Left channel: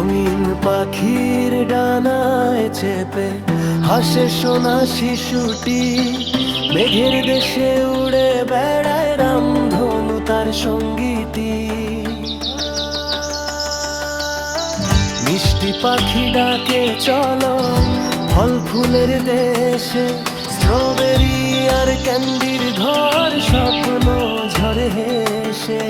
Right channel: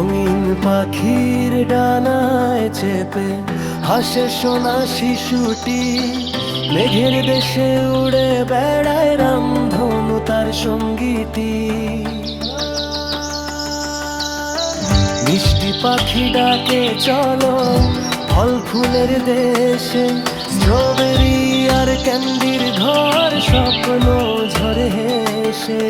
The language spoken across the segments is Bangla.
রঙিন পাখির ডানায় চেপে হাসে সোনা শিশুটি, মেঘের দেশে উড়ে বেড়ায় রামধনু তার সঙ্গীটি। মিষ্টি পাখি ডাকে চলো ফল ফুলের দেশে, স্ট্রবেরি আর ক্যান্ডির ঘর স্বপ্ন ঝরে হেসে।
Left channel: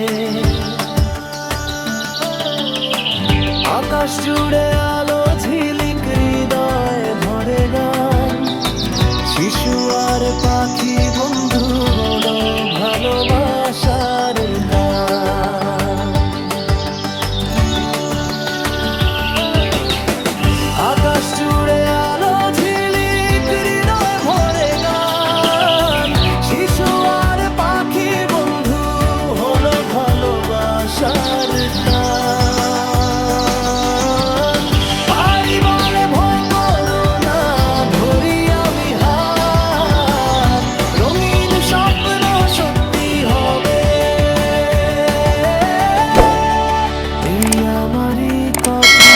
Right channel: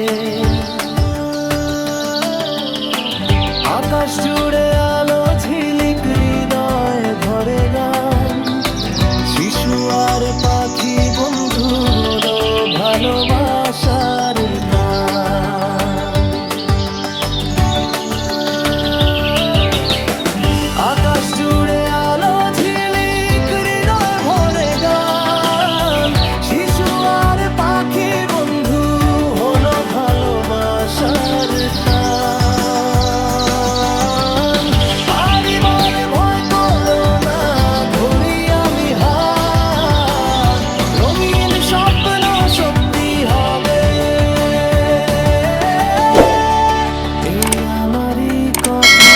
আকাশ জুড়ে আলো ঝিলিক, হৃদয় ভরে গান, শিশু আর পাখি বন্ধু হলো ভালোবাসার গান। আকাশ জুড়ে আলো ঝিলিক, হৃদয় ভরে গান, শিশু আর পাখি বন্ধু হলো ভালোবাসার টান। পারি বলে ভয় করো না, ধরি আমি হাত, রঙিন স্বপ্ন সত্যি হবে। এই আমারই কথা।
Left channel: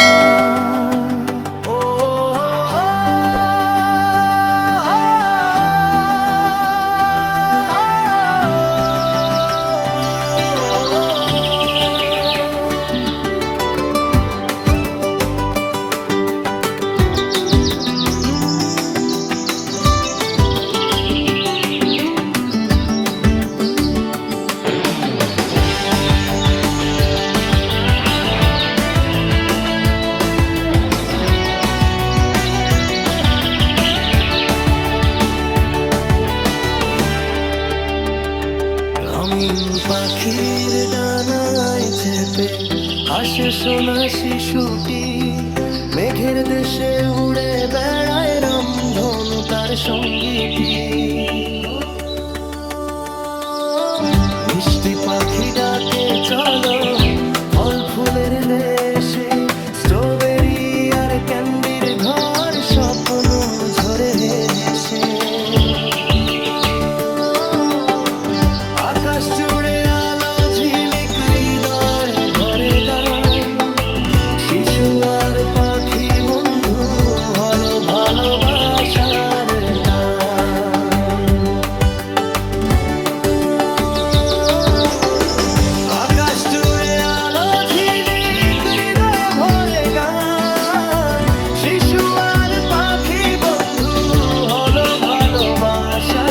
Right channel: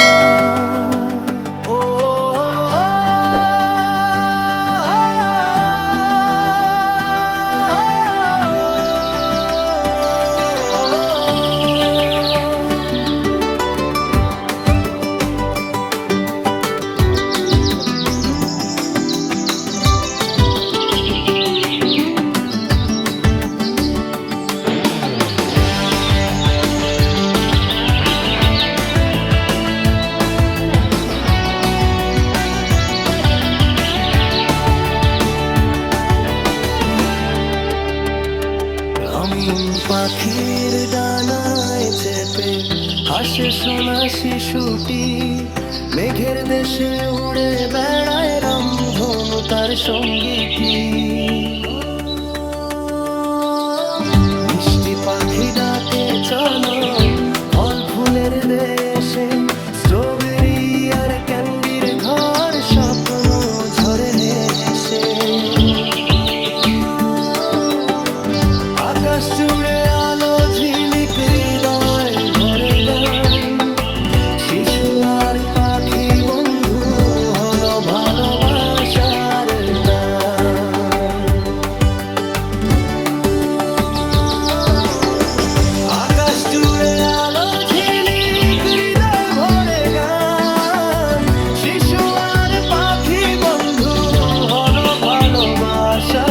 রঙিন পাখির ডানায় চেপে হাসে সোনা শিশুটি, মেঘের দেশে উড়ে বেড়ায় রামধনু তার সঙ্গীটি। মিষ্টি পাখি ডাকে চলো ফল ফুলের দেশে, স্ট্রবেরি আর ক্যান্ডির ঘর স্বপ্ন ঝরে হেসে। আকাশ জুড়ে আলো ঝিলিক, হৃদয় ভরে গান, শিশু আর পাখি বন্ধু হলো ভালোবাসার টান। আকাশ জুড়ে আলো ঝিলিক, হৃদয় ভরে গান, শিশু আর পাখি বন্ধু হলো ভালোবাসা।